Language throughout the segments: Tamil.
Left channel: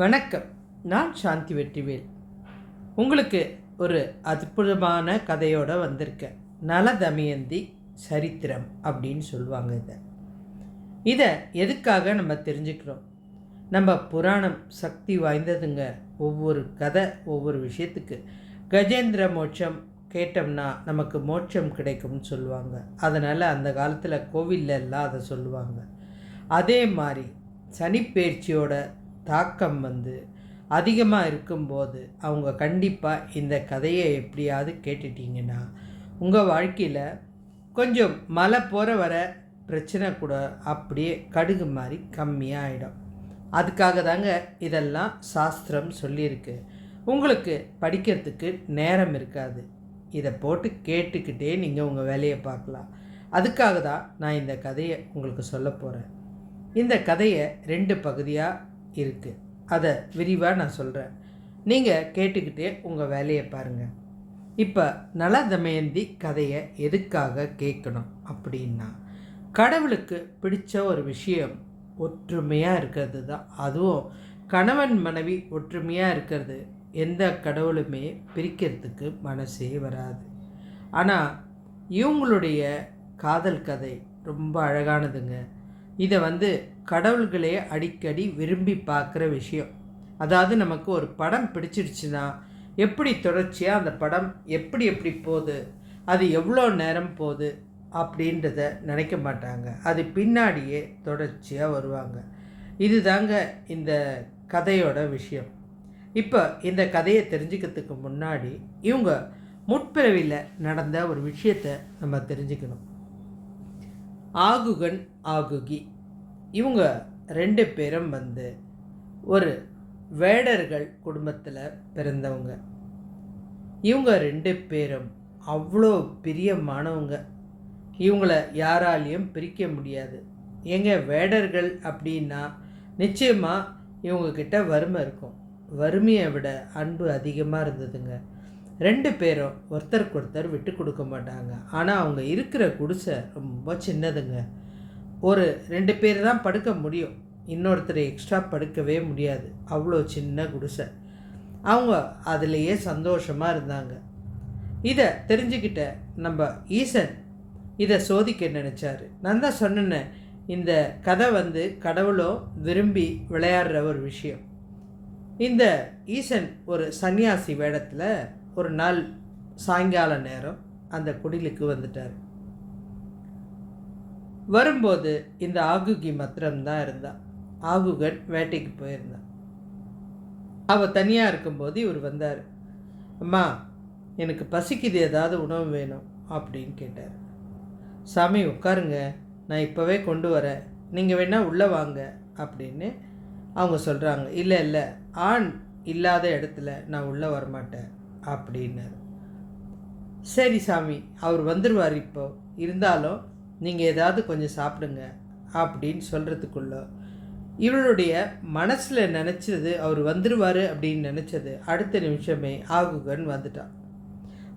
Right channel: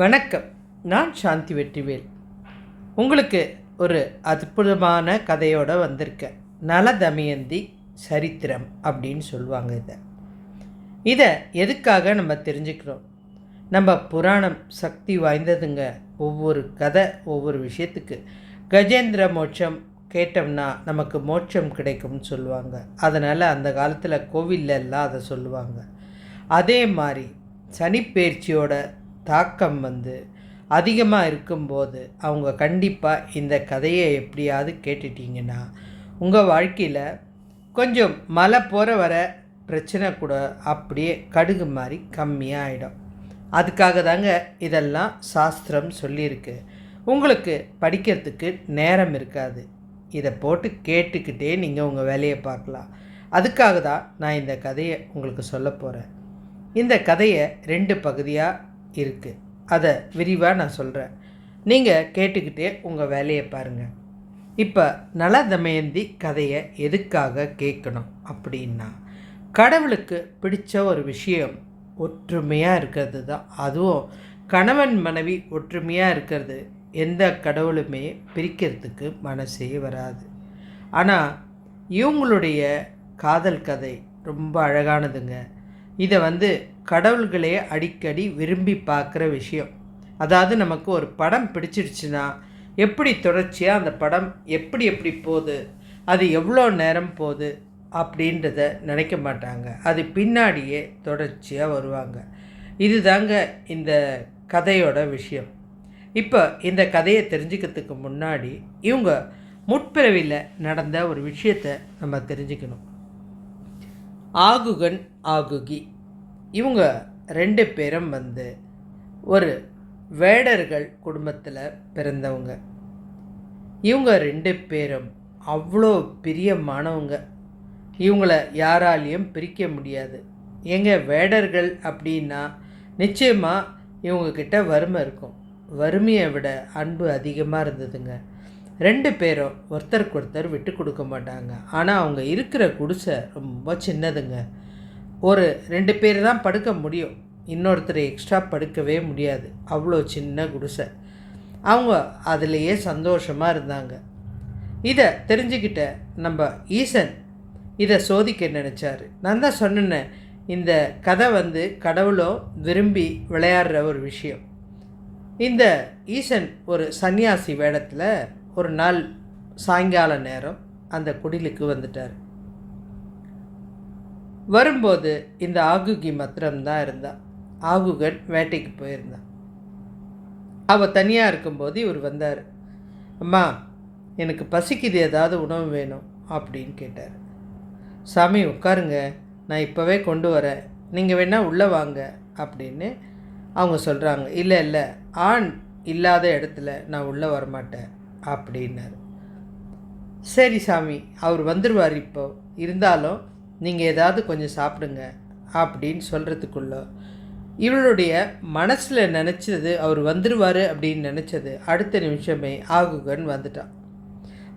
வணக்கம். நான் சாந்தி வெற்றிவேல். உங்களுக்கு ஒரு அற்புதமான கதையோடு வந்திருக்கேன். நல தமயந்தி சரித்திரம் அப்படின்னு சொல்லுவாங்க. இதை எதுக்காக நம்ம தெரிஞ்சுக்கிறோம்? நம்ம புராணம் சக்தி வாய்ந்ததுங்க. ஒவ்வொரு கதை ஒவ்வொரு விஷயத்துக்கு. கஜேந்திர மோட்சம் கேட்டோம்னா நமக்கு மோட்சம் கிடைக்கும்னு சொல்லுவாங்க. அதனால் அந்த காலத்தில் கோவில்ல எல்லாம் அதை சொல்லுவாங்க. அதே மாதிரி சனிப்பெயர்ச்சியோட தாக்கம் அதிகமாக இருக்கும்போது அவங்க கண்டிப்பாக இந்த கதையை எப்படியாவது கேட்டுட்டிங்கன்னா உங்கள் வாழ்க்கையில் கொஞ்சம் மழை போகிற வர பிரச்சனை கூட அப்படியே கடுகு மாதிரி கம்மியாக ஆகிடும். அதுக்காக தாங்க இதெல்லாம் சாஸ்திரம் சொல்லியிருக்கு. உங்களுக்கு படிக்கிறதுக்கு நேரம் இருக்காது. இதை போட்டு கேட்டுக்கிட்டே நீங்கள் உங்கள் வேலையை பார்க்கலாம். அதுக்காக தான் நான் இந்த கதையை உங்களுக்கு சொல்ல போகிறேன். இந்த கதையை 2 பகுதியாக இருக்குது. அதை விரிவாக நான் சொல்கிறேன். நீங்கள் கேட்டுக்கிட்டே உங்கள் வேலையை பாருங்கள். இப்போ நல தமயந்தி கதையை எதுக்காக கேட்கணும் அப்படின்னா, கடவுளுக்கு பிடிச்ச ஒரு விஷயம் ஒற்றுமையாக இருக்கிறது தான். அதுவும் கணவன் மனைவி ஒற்றுமையாக இருக்கிறது எந்த கடவுளுமே பிரிக்கிறதுக்கு மனசே வராது. ஆனால் இவங்களுடைய காதல் கதை ரொம்ப அழகானதுங்க. இதை கடவுள்களே அடிக்கடி விரும்பி பார்க்குற விஷயம். அதாவது நமக்கு ஒரு படம் பிடிச்சிடுச்சுன்னா எப்படி தொடர்ச்சியாக அந்த படம் எப்படி போகுது, அது எவ்வளோ நேரம் போகுது அப்படின்றத நினைக்க மாட்டாங்க. அது பின்னாடியே தொடர்ச்சியாக வருவாங்க. இது தாங்க இந்த கதையோட விஷயம். இப்போ இந்த கதையை தெரிஞ்சுக்கிறதுக்கு முன்னாடி இவங்க முற்பிறவியில் நடந்த ஒரு விஷயத்தை நம்ம தெரிஞ்சுக்கணும். ஆகுகன் ஆகுகி இவங்க 2 பேரும் ஒரு வேடர்கள் குடும்பத்தில் பிறந்தவங்க. இவங்க 2 பேரும் அவ்வளோ பிரியமானவங்க. இவங்கள யாராலையும் பிரிக்க முடியாது. வேடர்கள் அப்படின்னா நிச்சயமாக இவங்கக்கிட்ட வறுமை இருக்கும். வறுமையை விட அன்பு அதிகமாக இருந்ததுங்க. 2 பேரும் ஒருத்தருக்கு ஒருத்தர் விட்டு கொடுக்க மாட்டாங்க. ஆனால் அவங்க இருக்கிற குடிசை ரொம்ப சின்னதுங்க. ஒரு 2 பேர் தான் படுக்க முடியும். இன்னொருத்தர் எக்ஸ்ட்ரா படுக்கவே முடியாது. அவ்வளோ சின்ன குடிசை. அவங்க அதிலேயே சந்தோஷமாக இருந்தாங்க. இதை தெரிஞ்சுக்கிட்ட நம்ம ஈசன் இதை சோதிக்க நினச்சார். நான் தான் சொன்னேன், இந்த கதை கடவுளும் விரும்பி விளையாடுற ஒரு விஷயம். இந்த ஈசன் ஒரு சன்னியாசி வேடத்தில் ஒரு நாள் சாயங்கால நேரம் அந்த குடிலுக்கு வந்துட்டார். வரும்போது இந்த ஆகுகி மாத்திரம்தான் இருந்தா. ஆகுகன் வேட்டைக்கு போயிருந்தான். அவள் தனியாக இருக்கும்போது இவர் வந்தார். அம்மா, எனக்கு பசிக்குது, ஏதாவது உணவு வேணும் அப்படின்னு கேட்டார். சாமி உட்காருங்க, நான் இப்போவே கொண்டு வரேன், நீங்கள் வேணால் உள்ளே வாங்க அப்படின்னு அவங்க சொல்கிறாங்க. இல்லை ஆண் இல்லாத இடத்துல நான் உள்ளே வரமாட்டேன் அப்படின்னாரு. சரி சாமி, அவர் வந்துடுவார், இப்போ இருந்தாலும் நீங்கள் ஏதாவது கொஞ்சம் சாப்பிடுங்க அப்படின்னு சொல்கிறதுக்குள்ள இவளுடைய மனசில் நினச்சது, அவர் வந்துடுவார் அப்படின்னு நினச்சது அடுத்த நிமிஷமே ஆகுகன் வந்துட்டான்.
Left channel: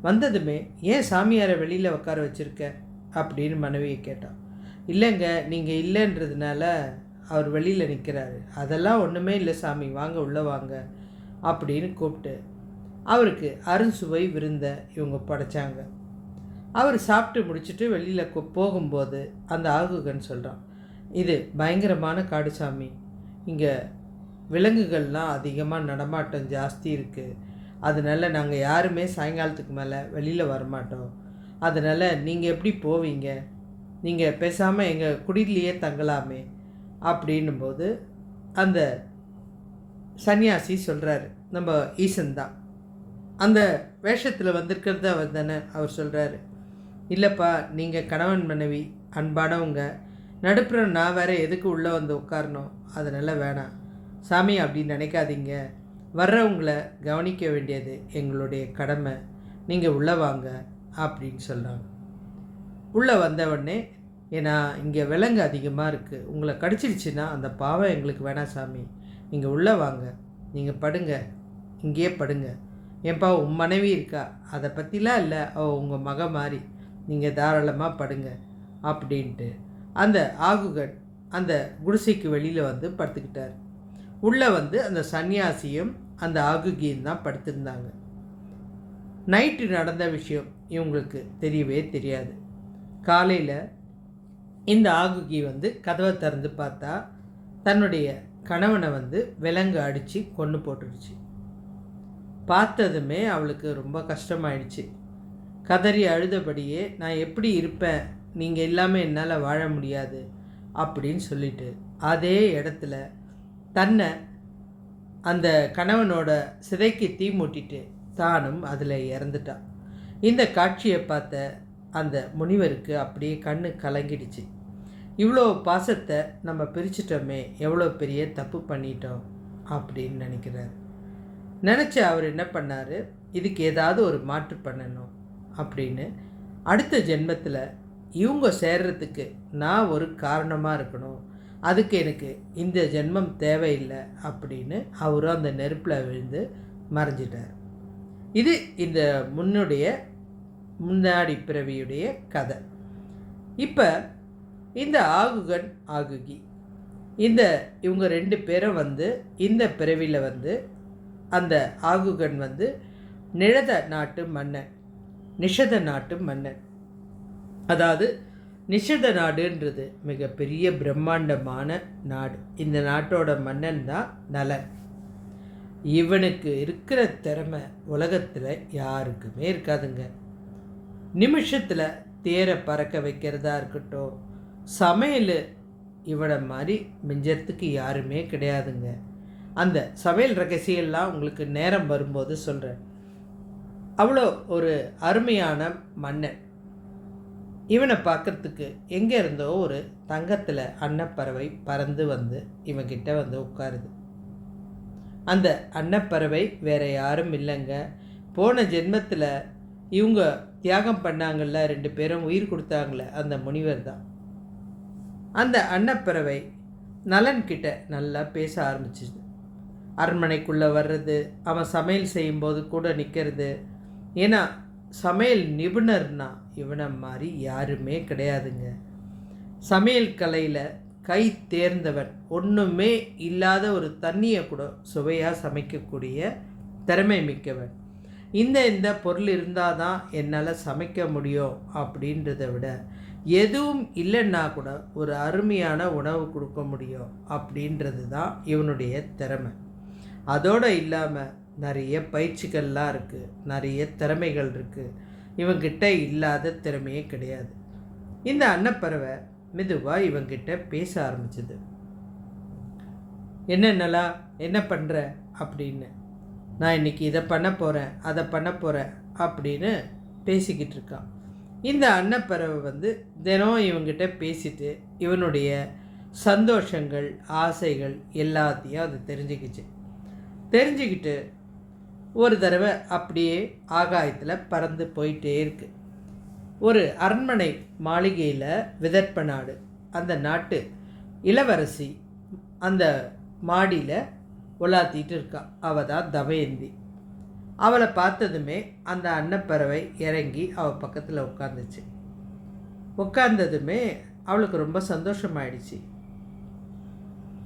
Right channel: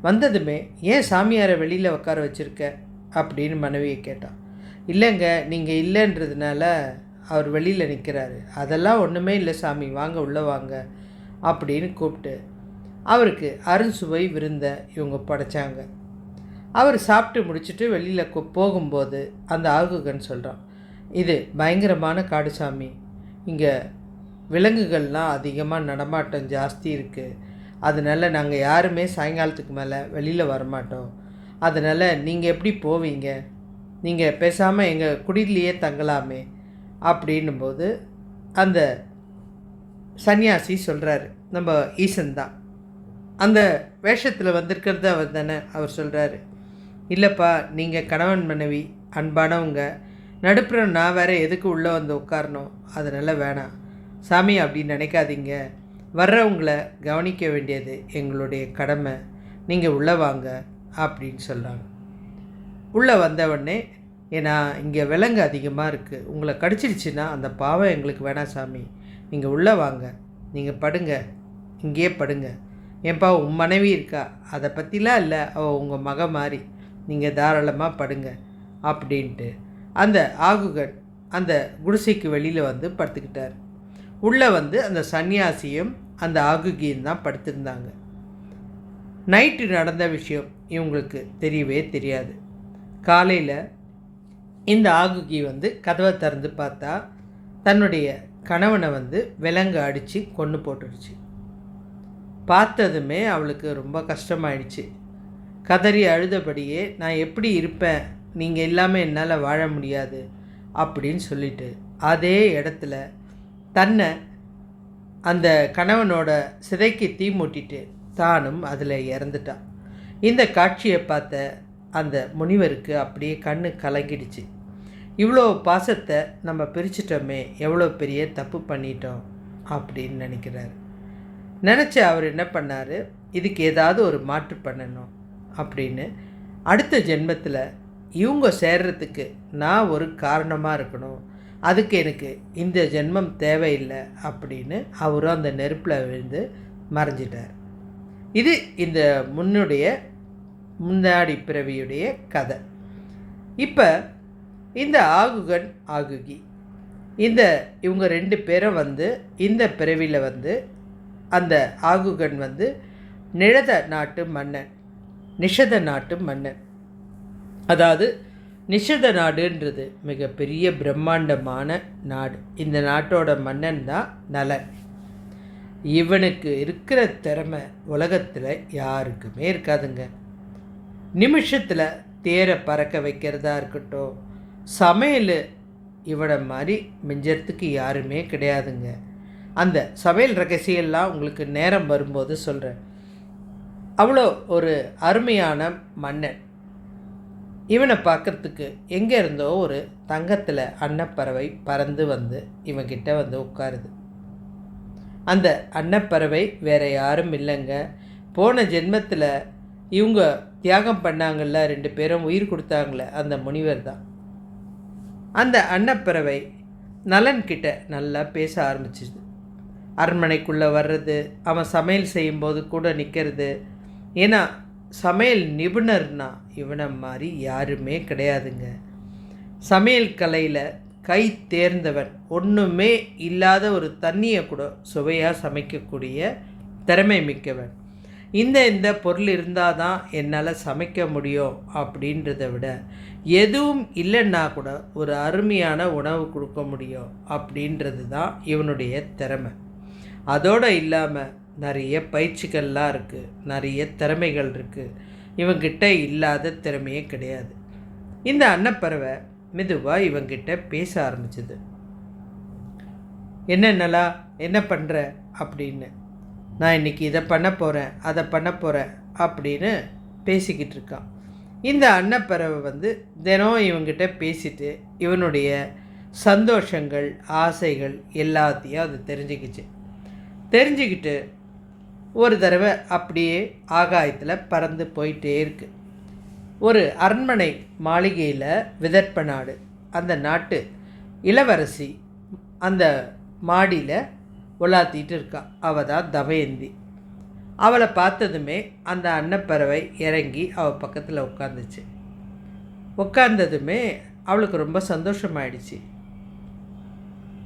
வந்ததுமே, ஏன் சாமியாரை வெளியில் உட்கார வச்சுருக்க அப்படின்னு மனைவியை கேட்டான். இல்லைங்க, நீங்கள் இல்லைன்றதுனால அவர் வெளியில் நிற்கிறாரு. அதெல்லாம் ஒன்றுமே இல்லை சாமி, வாங்க உள்ளே வாங்க அப்படின்னு கூப்பிட்டு அவருக்கு அருண்சுவை விருந்த இவங்க படைச்சாங்க. அவர் சாப்பிட்டு முடிச்சுட்டு வெளியில் போகும்போது அந்த ஆகுகன் சொல்கிறான், இது பயங்கரமான காடு சாமி, இங்கே விலங்குகள்லாம் அதிகமாக நடமாட்டம் ஜாஸ்தி இருக்குது. அதனால் நாங்கள் யாருமே சாயங்காலத்துக்கு மேலே வெளியில் வரமாட்டோம். அதனால் நீங்கள் எப்படி போவீங்க, நீங்கள் பேசாமல் எங்கள் குடிலேயே தங்கலாமே அப்படின்னும்போது அந்த சன்னியாசி சொல்கிறாரு, நம்ம ஈசன் தான் அந்த வேஷத்தில் வந்திருக்கிறது அவர் தானே. அவர் சொல்கிறாரு, இல்லைப்பா, நீங்கள் கணவன் மனைவி அன்பானவங்க, நடுப்புற நான் வேறு எதுக்கு உள்ளே உட்காரணும், அதனால் வேணாம் சாமி அப்படின்னு நினைக்காதீங்க. வர்றவங்களை கவனிக்க வேண்டியது எங்களுடைய கடமை, நீங்கள் உள்ளே வாங்க அப்படின்னு சொல்கிறாங்க. உள்ளே வந்தவுடனே, ஏன்னா இங்கே விலங்கு அதிகமாக இருக்குது, உங்களை கடிச்சிடுச்சுன்னா அந்த பாவம் எங்களுக்கு வேணாம் சாமி, நீங்கள் உள்ளே வாங்க, நீங்கள் படுங்க, இங்கேயே படுங்க. ஏன்பா, உன் மனைவி இருக்கா, அதை பற்றிலாம் இல்லை, அவள் உங்கள் மக மாதிரி, நீங்கள் தாராளமாக படுங்க அப்படின்ட்டு அந்த ஆகுகன் அந்த குடிசைக்கு வெளியில் படுத்துக்கிட்டார். உள்ளே வந்து அந்த சன்னியாசியும் அந்த ஆகுகியும் தான் படுத்திருந்தாங்க. நைட்டு நடந்த விஷயம் இவங்களுக்கு தெரியவே தெரியாது. காலையில் இந்த ஆகுகி வந்து கதவை திறந்து பார்த்தா தன்னுடைய கணவனை வந்து விலங்கு அடித்து கொன்று போட்டுடுச்சு. பார்த்ததுமே அவளுக்கு ரொம்ப கஷ்டமாயிடுச்சு. கதறி அழுதபடியே, நான் எப்படி இருப்பேன், நீங்கள் இல்லாமல் என்னால் வாழ முடியாது அப்படின்னு சொல்லிட்டு அதே இடத்துல தன்னை அந்த கணவனோட சிதைக்கு தீ மூட்டிட்டு தானும் அதில் இறந்துட்டான். இந்த காட்சியை பார்த்த அந்த முனிவருக்கு அப்படியே கண்ணு கலங்கிடுச்சு. இவ்வளோ பாசத்தை நம்ம பிரிச்சிட்டோமே, எவ்வளோ பெரிய தப்பு பண்ணிட்டோம் அப்படின்னு நினைக்கிறார். நினச்சி அவர் என்ன பண்ணார், இதுக்கு ஏதாவது ஒரு மாற்று பண்ணணும் அப்படின்னு அடுத்த ஜென்மத்தில் இவங்க சேர்றதுக்கு நான் ஒரு காரணமாக இருக்கணும், அதுக்கு எனக்கு இந்த ஜென்மம் தேவையில்லை அப்படின்னு அவரும் அந்த நெருப்பில் விழுந்து மறைஞ்சிட்டார். இது இந்த முன்னாடி பிறவியுடைய கதை. இப்போ இந்த ஆகுகன் ஆகுகி இவங்க 2 பேரும் வந்து இந்த பிறவியில் வந்து அந்த ஆகுகன் வந்து நிஷத நாட்டு மன்னன். அதாவது நிஷத நாடுன்றது மிகப்பெரிய பிரம்மாண்டமான நாடு. இந்த நாட்டோட மன்னன் தான் நலன். இவனுக்கு இருக்கிற திறமை உலகத்தில் யாருக்குமே இருக்காதுங்க. நிமிஷத்தில் தேரை பறக்க வைக்கிறதா இருக்கட்டும், சமையல் இவனை மாதிரி மிஞ்சறதுக்கு யாருமே கிடையாதுங்க. அந்த சமையல் ரகசியெல்லாம் உங்களுக்கு நேரம் வரும்போது சொல்கிறேன். அவ்வளோ ஒரு அருமையான மன்னன். இவனை பார்க்குறதுக்கு எங்கே இருந்தோ ஒரு தங்கத்தில் அன்னப்பறவை பறந்து வந்து இவன்கிட்ட வந்து உட்காருது. அந்த அன்னப்பறவை வேறு யாரும் இல்லைங்க, போன ஜென்மத்தில் இவங்க தியாகம் பண்ணாங்கள்ல, 2 பேரும் உயிர் கொடுத்தாங்களே அந்த முனிவர் தான். அந்த அன்னப்பறவை நலன்கிட்ட நல்லா பேச ஆரம்பிச்சிது. அரண்மனைக்குள்ளே வர்றது, அவன் சமையல் செய்யும்போது கூட நிற்கிறது. ஏன்னா சமையல் நிபுணர்னா இவனை மாதிரி யாருமே கிடையாதுங்க. சமையல் கலையில் கை தேர்ந்தவன், ஒன்றுமே இல்லாத ஒரு தண்ணியை கூட சுவையாக சமைக்கக்கூடிய திறமை மிக்கவன். இந்த பொருள் இருந்தால் தான் என்னால் சமைக்க முடியும் அப்படின்றத விட, எதுவும் இல்லைன்னா கூட ஒரு அருமையான உணவு கொடுக்க முடியும் அப்படின்றது தான் இவனுடைய திறமை. அதோடு இல்லாமல் நிறைய பயிற்சிகள்லாம் இருக்குது, நிறைய திறமைகள் இருக்குது. இவங்கிட்ட இல்லாத திறமையே கிடையாது. இந்த அன்னப்பறவை மெதுவாக இவங்கிட்ட பேச ஆரம்பிச்சுது. என்னென்னலா என்ன பண்ணுற அப்படின்னு. நான் இன்றைக்கி இதை பண்ண போகிறேன், அதை பண்ண போகிறேன் அப்படின்னு பேசிக்கிட்டு இருக்கான். இந்த அன்னப்பறவை வந்து தினம் இவங்கிட்ட பேசிட்டு இவனுடைய சந்தோஷங்கள் ஆசைகள் எல்லாத்தையும் அது தெரிஞ்சுக்கிட்டு ஒரு தடவை அப்படியே ஆகாயத்தில் பறந்து போயிட்டே இருக்கு. ஒரு அரண்மனை மாளிகையில் விதர்ப்ப நாடு, அந்த நாட்டு இளவரசி அந்த மாடியில் உலாத்திட்டு இருக்கா. அவள் தான் தமயந்தி. அவளை பார்த்ததுமே அந்த அன்னப்பறவை இறங்கி அவள் பக்கத்தில் உட்கார்ந்ததுமே அவளுக்கு ரொம்ப சந்தோஷமாயிடுச்சு.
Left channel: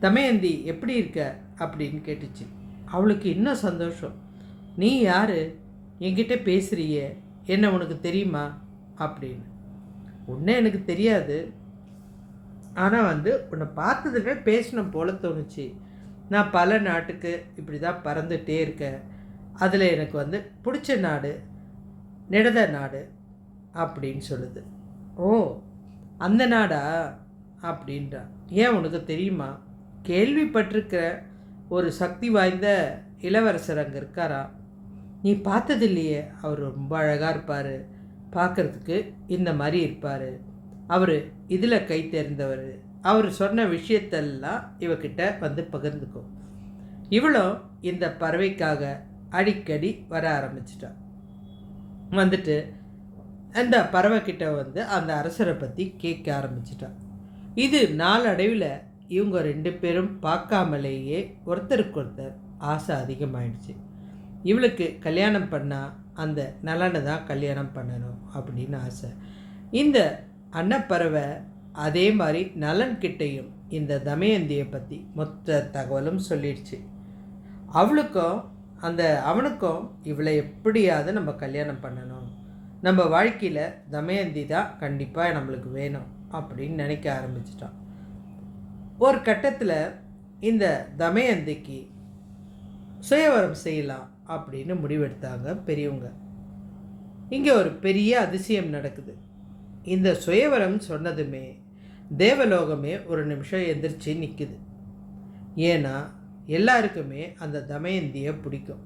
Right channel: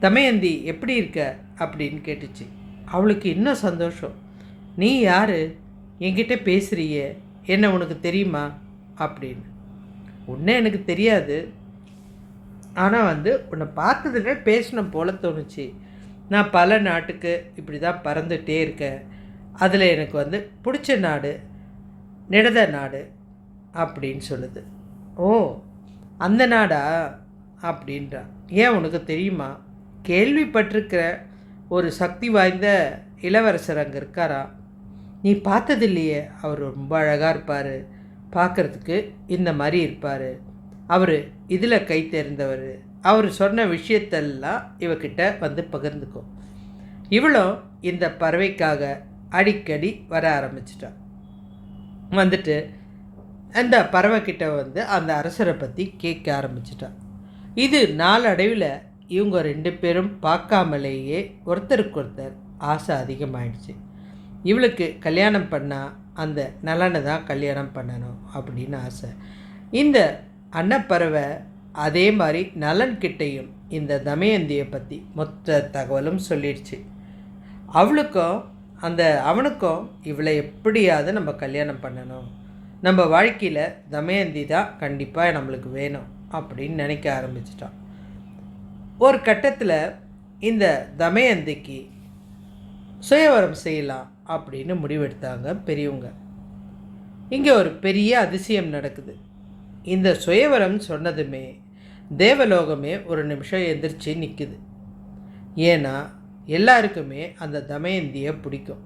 தமயந்தி எப்படி இருக்க அப்படின்னு கேட்டுச்சு. அவளுக்கு இன்னும் சந்தோஷம். நீ யார், என்கிட்ட பேசுகிறியே, என்ன உனக்கு தெரியுமா அப்படின்னு. உன்னை எனக்கு தெரியாது, ஆனால் வந்து உன்னை பார்த்ததுமே பேசணும் போல தோணுச்சு. நான் பல நாட்டுக்கு இப்படி தான் பறந்துகிட்டே இருக்கேன். அதில் எனக்கு வந்து பிடிச்ச நாடு நிடத நாடு அப்படின்னு சொல்லுது. ஓ, அந்த நாடா அப்படின்றான். ஏன் உனக்கு தெரியுமா, கேள்விப்பட்டிருக்கிற ஒரு சக்தி வாய்ந்த இளவரசர் அங்கே இருக்காரா, நீ பார்த்ததில்லையே. அவர் ரொம்ப அழகாக இருப்பார், பார்க்குறதுக்கு இந்த மாதிரி இருப்பார். அவர் இதில் கை தேர்ந்தவர். அவர் சொன்ன விஷயத்தெல்லாம் இவக்கிட்ட வந்து பகிர்ந்துக்கும். இவ்வளோ இந்த பறவைக்காக அடிக்கடி வர ஆரம்பிச்சிட்டான். வந்துட்டு அந்த பறவைக்கிட்ட வந்து அந்த அரசரை பற்றி கேட்க ஆரம்பிச்சிட்டான். இது நாளடைவில் இவங்க 2 பேரும் பார்க்காமலேயே ஒருத்தருக்கு ஆசை அதிகமாகிடுச்சு. இவளுக்கு கல்யாணம் பண்ணால் அந்த நலனை தான் கல்யாணம் பண்ணணும் அப்படின்னு ஆசை. இந்த அன்னப்பறவை அதே மாதிரி நலன்கிட்டையும் இந்த தமயந்தியை பற்றி மொத்த தகவலும் சொல்லிடுச்சு. அவனுக்கும் இவளை எப்படியாவது நம்ம கல்யாணம் பண்ணணும், நம்ம வாழ்க்கையில் தமயந்தி தான் கண்டிப்பாக நம்மளுக்கு வேணும் அப்படின்னு நினைக்க ஆரம்பிச்சிட்டான். ஒரு கட்டத்தில் இந்த தமயந்திக்கு சுயவரம் செய்யலாம் அப்படின்னு முடிவெடுத்தாங்க பெரியவங்க. இங்கே ஒரு பெரிய அதிசயம் நடக்குது. இந்த சுயவரம் சொன்னதுமே தேவலோகமே ஒரு நிமிஷம் எந்திரிச்சு நிற்குது. ஏன்னா எல்லாருக்குமே அந்த தமயந்தியை பிடிக்கும்.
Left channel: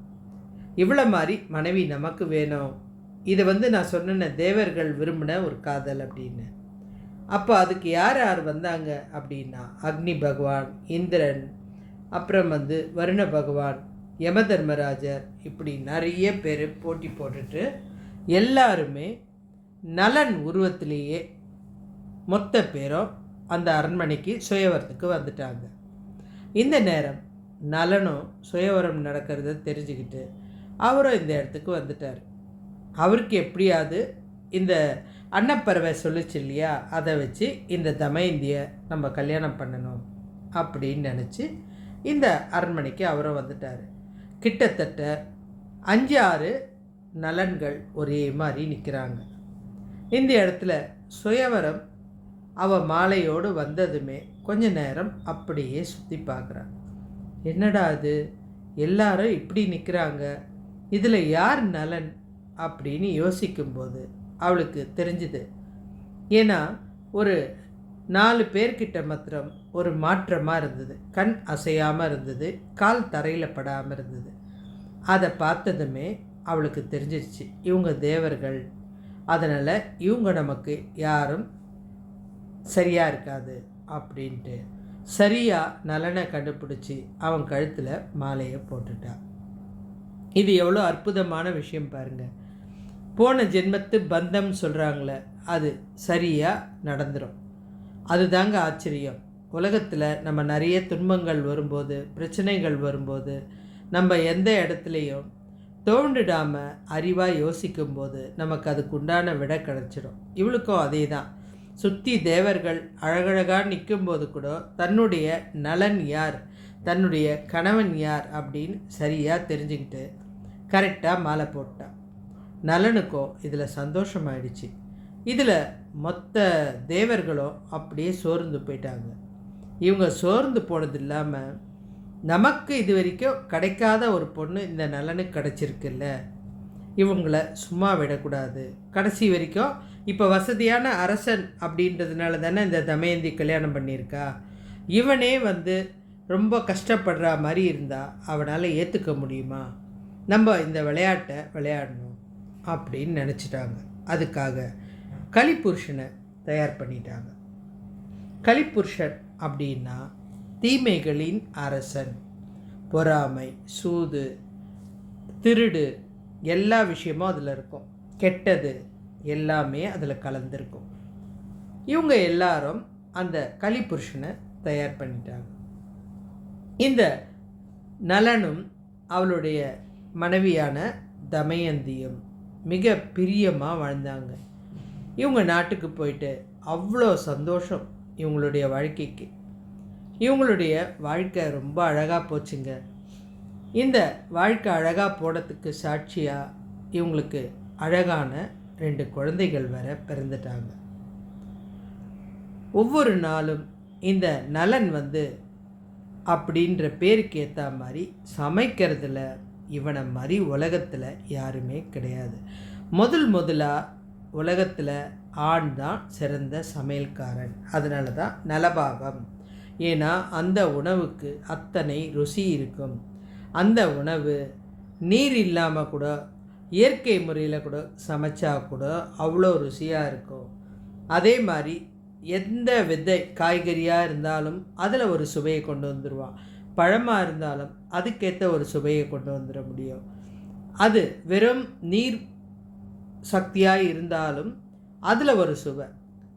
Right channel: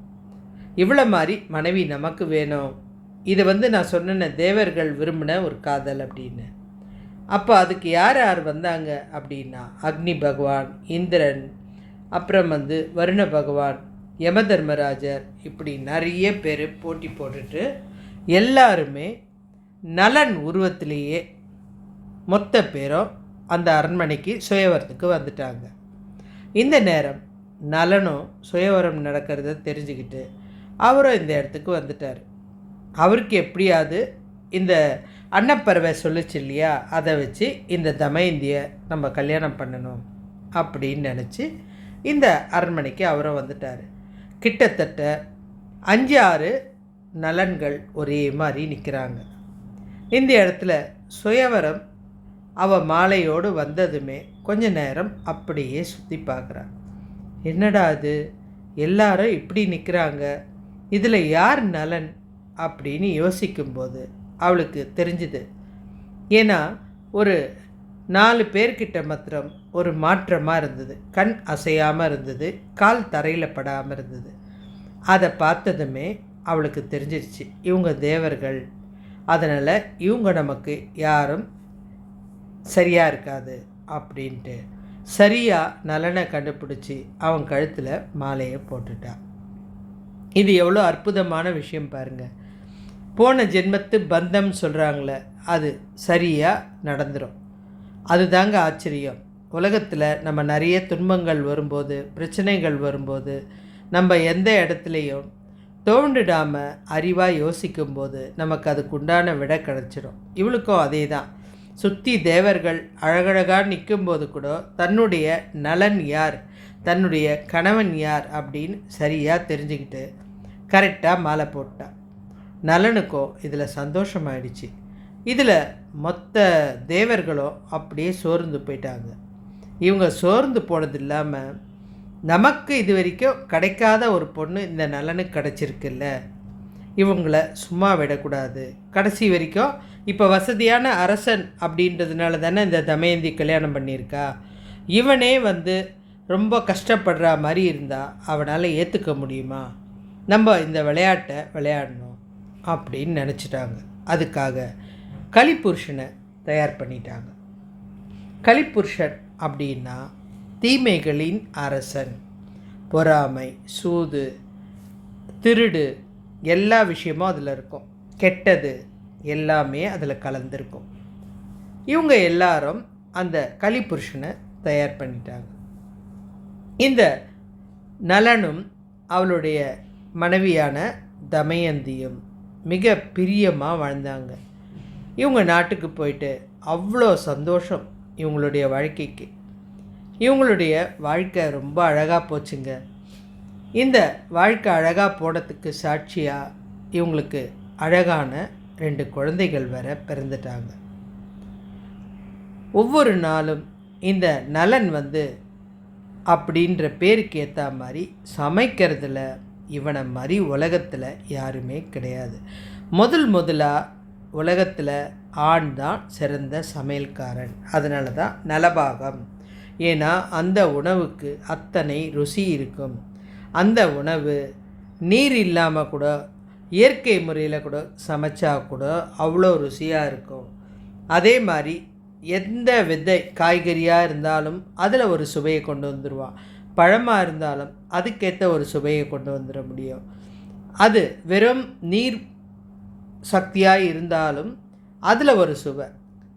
இவ்வளோ மாதிரி மனைவி நமக்கு வேணும். இது நான் சொன்ன தேவர்கள் விரும்பின ஒரு காதல் அப்படின்னு. அப்போ அதுக்கு யார் யார் வந்தாங்க அப்படின்னா, அக்னி பகவான், இந்திரன், அப்புறம் வருண பகவான், யம தர்மராஜர், இப்படி நிறைய பேர் போட்டி போட்டுட்டு எல்லாருமே நலன் உருவத்திலேயே மொத்த பேரும் அந்த அரண்மனைக்கு சுயவரத்துக்கு வந்துட்டாங்க. இந்த நேரம் நலனும் சுயவரம் நடக்கிறத தெரிஞ்சுக்கிட்டு அவரும் இந்த இடத்துக்கு வந்துட்டார். அவருக்கு எப்படியாவது இந்த அன்னப்பறவை சொல்லிச்சு இல்லையா, அதை வச்சு இந்த தமயந்தியை நம்ம கல்யாணம் பண்ணணும் அப்படின்னு நினச்சி இந்த அரண்மனைக்கு அவரும் வந்துட்டார். கிட்டத்தட்ட 5-6 நலன்கள் ஒரே மாதிரி நிற்கிறாங்க. இந்த இடத்துல சுயவரம் மாலையோடு வந்ததுமே கொஞ்ச நேரம் அப்படியே சுற்றி பார்க்குறான். என்னடா அது, எல்லாரும் இப்படி நிற்கிறாங்க, இதில் யார் நலன் அப்படின்னு யோசிக்கும்போது அவளுக்கு தெரிஞ்சுது. ஏன்னா ஒரு 4 பேர்கிட்ட மாத்திரம் ஒரு மாற்றமாக இருந்தது. கண் அசையாமல் இருந்தது, கால் தரையில் படாமல் இருந்தது. அதை பார்த்ததுமே அவளுக்கு தெரிஞ்சிருச்சு, இவங்க தேவர்கள், அதனால் இவங்க நமக்கு யாரும் சரியாக இருக்காது அப்படின்ட்டு சரியாக நலனை கண்டுபிடிச்சி அவன் கழுத்தில் மாலையை போட்டுட்டான். இது எவ்வளோ அற்புதமான விஷயம் பாருங்கள். போன ஜென்மத்து பந்தம் சொல்கிறாங்களே, அது சரியாக நடந்துடும். அதுதாங்க ஆச்சரியம். உலகத்தில் நம்ம நிறைய துன்பங்கள் வரும்போது, பிரச்சனைகள் வரும்போது, நம்ம எந்த இடத்துலையும் தோண்டிடாமல் அறிவாக யோசிக்கும்போது நமக்கு அதுக்குண்டான விடை கிடச்சிடும். இவளுக்கும் அதே தான். சுற்றி தேவர்கள் அழகழகாக நிற்கும்போது கூட தன்னுடைய நலன் யார், தன்னுடைய கணவன் யார் அப்படின்னு சரியாக தெரிஞ்சுக்கிட்டு கரெக்டாக மாலை போட்டான். நலனுக்கும் இதில் சந்தோஷமாயிடுச்சு. இதில் மொத்த தேவர்களும் அப்படியே சோர்ந்து போயிட்டாங்க. இவங்க சோர்ந்து போனது இல்லாமல், நமக்கு இது வரைக்கும் கிடைக்காத ஒரு பொண்ணு இந்த நலனுக்கு கிடச்சிருக்குல்ல, இவங்கள சும்மா விடக்கூடாது. கடைசி வரைக்கும் இப்போ வசதியான அரசன் அப்படின்றதுனால தானே இந்த தமயந்தி கல்யாணம் பண்ணியிருக்கா. இவனே ரொம்ப கஷ்டப்படுற மாதிரி இருந்தால் அவனால் ஏற்றுக்க முடியுமா? நம்ம இந்த விளையாட்டை விளையாடணும் அப்படின்னு நினச்சிட்டாங்க. அதுக்காக கலிபுருஷனை தயார் பண்ணிட்டாங்க. கலிபுருஷன் அப்படின்னா தீமைகளின் அரசன். பொறாமை, சூது, திருடு, எல்லா விஷயமும் அதில் இருக்கும். கெட்டது எல்லாமே அதில் கலந்துருக்கும். இவங்க எல்லாரும் அந்த கலிபுருஷனை தயார் பண்ணிட்டாங்க. இந்த நலனும் அவளுடைய மனைவியான தமயந்தியும் மிக பிரியமாக வாழ்ந்தாங்க. இவங்க நாட்டுக்கு போயிட்டு அவ்வளோ சந்தோஷம் இவங்களுடைய வாழ்க்கைக்கு. இவங்களுடைய வாழ்க்கை ரொம்ப அழகாக போச்சுங்க. இந்த வாழ்க்கை அழகாக போனதுக்கு சாட்சியாக இவங்களுக்கு அழகான 2 குழந்தைகள் வேற பிறந்துட்டாங்க. ஒவ்வொரு நாளும் இந்த நலன் அப்படின்ற பேருக்கு ஏற்ற மாதிரி சமைக்கிறதுல இவனை மாதிரி உலகத்தில் யாருமே கிடையாது. முதலாக உலகத்தில் ஆண் தான் சிறந்த சமையல்காரன். அதனால தான் நலபாகம். ஏன்னா அந்த உணவுக்கு அத்தனை ருசி இருக்கும். அந்த உணவு நீர் இல்லாமல் கூட இயற்கை முறையில் கூட சமைச்சா கூட அவ்வளோ ருசியாக இருக்கும். அதே மாதிரி எந்த விதை காய்கறியாக இருந்தாலும் அதில் ஒரு சுவையை கொண்டு வந்துடுவான். பழமாக இருந்தாலும் அதுக்கேற்ற ஒரு சுவையை கொண்டு வந்துட முடியும். அது வெறும் நீர் சக்தியாக இருந்தாலும் அதில் ஒரு சுவை.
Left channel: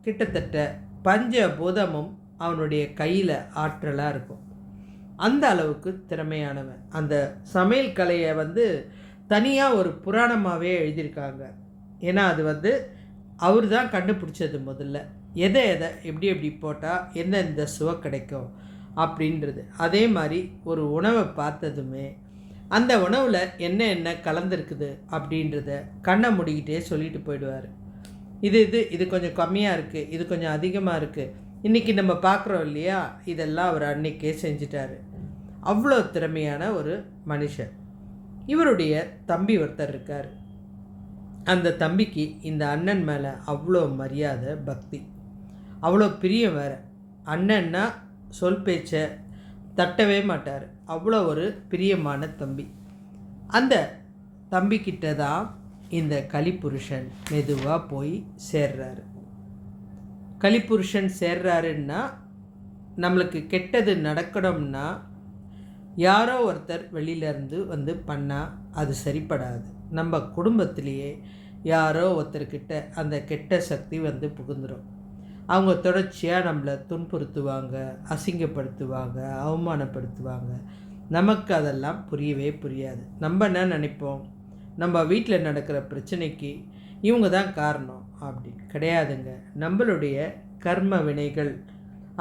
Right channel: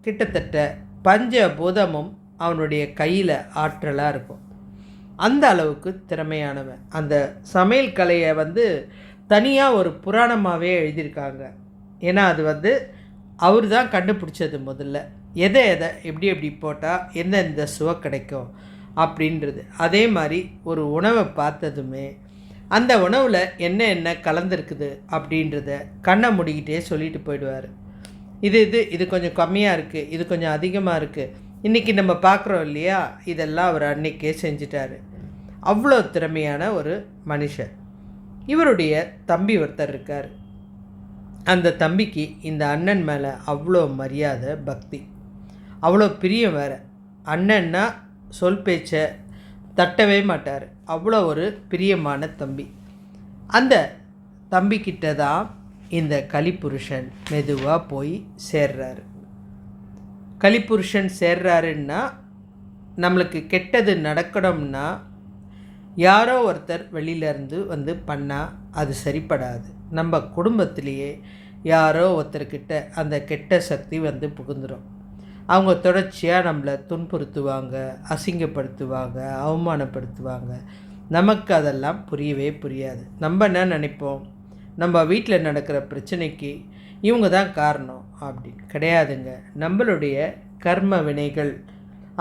கிட்டத்தட்ட பஞ்சபூதமும் அவனுடைய கையில் ஆற்றலாக இருக்கும். அந்த அளவுக்கு திறமையானவன். அந்த சமையல் கலையை தனியாக ஒரு புராணமாகவே எழுதியிருக்காங்க. ஏன்னா அது அவர் தான் கண்டுபிடிச்சது முதல்ல. எதை எதை எப்படி எப்படி போட்டால் எந்தெந்த சுவை கிடைக்கும் அப்படின்றது. அதே மாதிரி ஒரு உணவை பார்த்ததுமே அந்த உணவில் என்ன என்ன கலந்துருக்குது அப்படின்றத கண்ணை மூடிக்கிட்டே சொல்லிட்டு போயிடுவார். இது கொஞ்சம் கம்மியாக இருக்குது, இது கொஞ்சம் அதிகமாக இருக்குது, இன்றைக்கி நம்ம பார்க்குறோம் இல்லையா, இதெல்லாம் அவர் அன்னைக்கே செஞ்சிட்டார். அவ்வளோ திறமையான ஒரு மனுஷன். இவருடைய தம்பி ஒருத்தர் இருக்கார். அந்த தம்பிக்கு இந்த அண்ணன் மேலே அவ்வளோ மரியாதை, பக்தி, அவ்வளோ பிரியம் வேறு. அண்ணன்னா சொல் பேச்சை தட்டவே மாட்டார். அவ்வளோ ஒரு பிரியமான தம்பி. அந்த தம்பிக்கிட்ட தான் இந்த கலிப்புருஷன் மெதுவாக போய் சேர்றாரு. கலிப்புருஷன் சேர்றாருன்னா நம்மளுக்கு கெட்டது நடக்கணும்னா யாரோ ஒருத்தர் வெளியிலேருந்து வந்து பண்ணால் அது சரிப்படாது. நம்ம குடும்பத்திலேயே யாரோ ஒருத்தர்கிட்ட அந்த கெட்ட சக்தி வந்து புகுந்துடும். அவங்க தொடர்ச்சியாக நம்மளை துன்புறுத்துவாங்க, அசிங்கப்படுத்துவாங்க, அவமானப்படுத்துவாங்க. நமக்கு அதெல்லாம் புரியவே புரியாது. நம்ம என்ன நினைப்போம், நம்ம வீட்டில் நடக்கிற பிரச்சனைக்கு இவங்க தான் காரணம் அப்படின்னு. கிடையாதுங்க. நம்மளுடைய கர்ம வினைகள்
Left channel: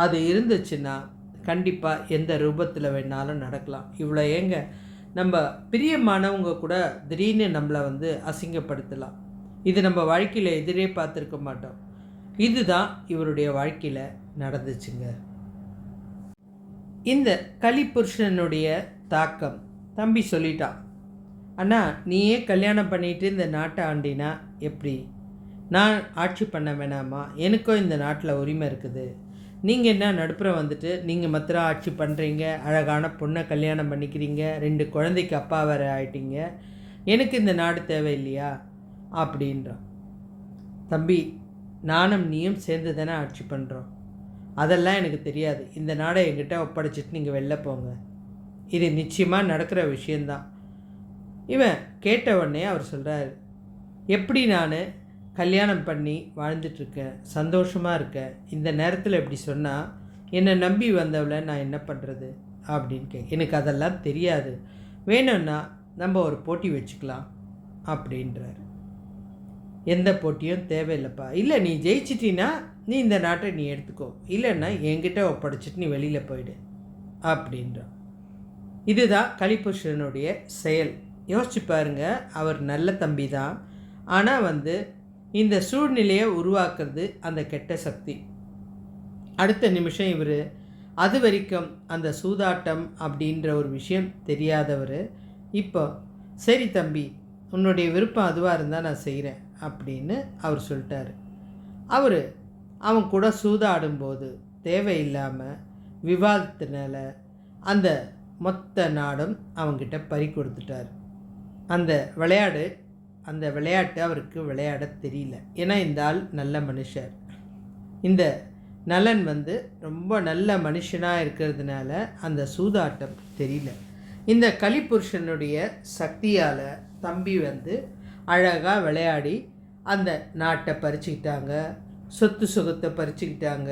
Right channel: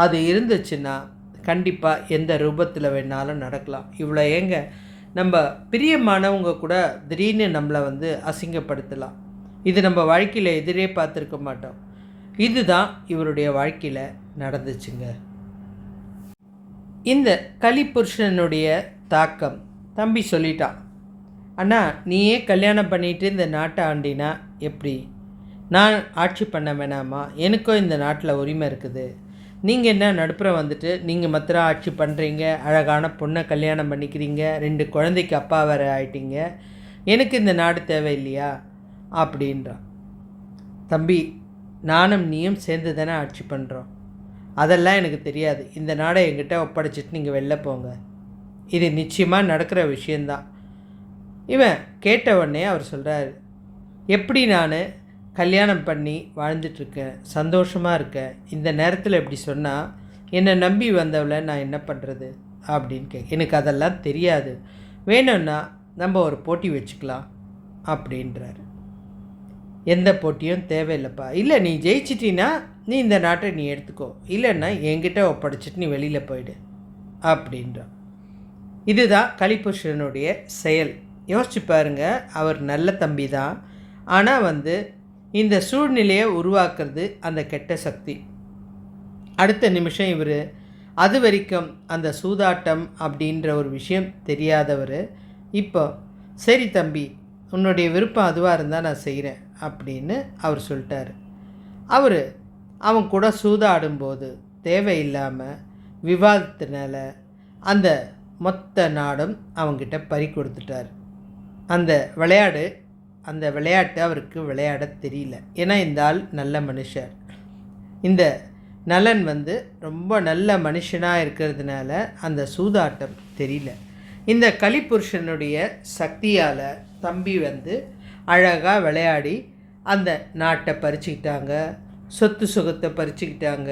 அது இருந்துச்சுன்னா கண்டிப்பாக எந்த ரூபத்தில் வேணாலும் நடக்கலாம். இவ்வளோ ஏங்க, நம்ம பிரியமானவங்க கூட திடீர்னு நம்மளை வந்து அசிங்கப்படுத்தலாம். இது நம்ம வாழ்க்கையில் எதிரே பார்த்துருக்க மாட்டோம். இதுதான் இவருடைய வாழ்க்கையில் நடந்துச்சுங்க. இந்த கலிப்புருஷனுடைய தாக்கம் தம்பி சொல்லிட்டான். அண்ணா, நீயே கல்யாணம் பண்ணிட்டு இந்த நாட்டை ஆண்டினா எப்படி? நான் ஆட்சி பண்ண வேணாமா? எனக்கும் இந்த நாட்டில் உரிமை இருக்குது. நீங்கள் என்ன நடுப்புற வந்துட்டு நீங்கள் மாத்திரம் ஆட்சி பண்ணுறீங்க, அழகான பொண்ணை கல்யாணம் பண்ணிக்கிறீங்க, 2 குழந்தைக்கு அப்பா வேறு ஆயிட்டீங்க, எனக்கு இந்த நாடு தேவையில்லையா அப்படின்றான். தம்பி, நானும் நீயும் சேர்ந்து தானே ஆட்சி பண்ணுறோம். அதெல்லாம் எனக்கு தெரியாது. இந்த நாடை என்கிட்ட ஒப்படைச்சிட்டு நீங்கள் வெளில போங்க. இது நிச்சயமாக நடக்கிற விஷயந்தான். இவன் கேட்ட உடனே அவர் சொல்கிறார், எப்படி நான் கல்யாணம் பண்ணி வாழ்ந்துட்டுருக்கேன், சந்தோஷமாக இருக்கேன், இந்த நேரத்தில் இப்படி சொன்னால் என்னை நம்பி வந்தவளை நான் என்ன பண்ணுறது அப்படின்னு எனக்கு அதெல்லாம் தெரியாது, வேணும்னா நம்ம ஒரு போட்டி வச்சுக்கலாம் அப்படின்றார். எந்த போட்டியும் தேவையில்லைப்பா. இல்லை, நீ ஜெயிச்சிட்டின்னா நீ இந்த நாட்டை நீ எடுத்துக்கோ, இல்லைன்னா என்கிட்ட ஒப்படைச்சிட்டு நீ வெளியில் போயிடு அப்படின்றான். இதுதான் கலிப்புருஷனுடைய செயல். யோசிச்சு பாருங்க, அவர் நல்ல தம்பி தான். ஆனால் வந்து இந்த சூழ்நிலையை உருவாக்குறது அந்த கெட்ட சக்தி. அடுத்த நிமிஷம் இவர் அது வரைக்கும் அந்த சூதாட்டம் அப்படின்ற ஒரு விஷயம் தெரியாதவர் இப்போ, சரி தம்பி, உன்னுடைய விருப்பம் அதுவாக இருந்தால் நான் செய்கிறேன் அப்படின்னு அவர் சொல்லிட்டார். அவன் கூட சூதாடும்போது தேவையில்லாமல் விவாதத்தினால அந்த மொத்த நாடும் அவங்கிட்ட பறி கொடுத்துட்டார். அந்த விளையாட்டு அவருக்கு விளையாட தெரியல. ஏன்னா இந்த ஆள் நல்ல மனுஷர். இந்த நலன் வந்து ரொம்ப நல்ல மனுஷனாக இருக்கிறதுனால அந்த சூதாட்டம் தெரியல. இந்த கலிப்புருஷனுடைய சக்தியால் தம்பி வந்து அழகாக விளையாடி அந்த நாட்டை பறிச்சுக்கிட்டாங்க, சொத்து சுகத்தை பறிச்சுக்கிட்டாங்க,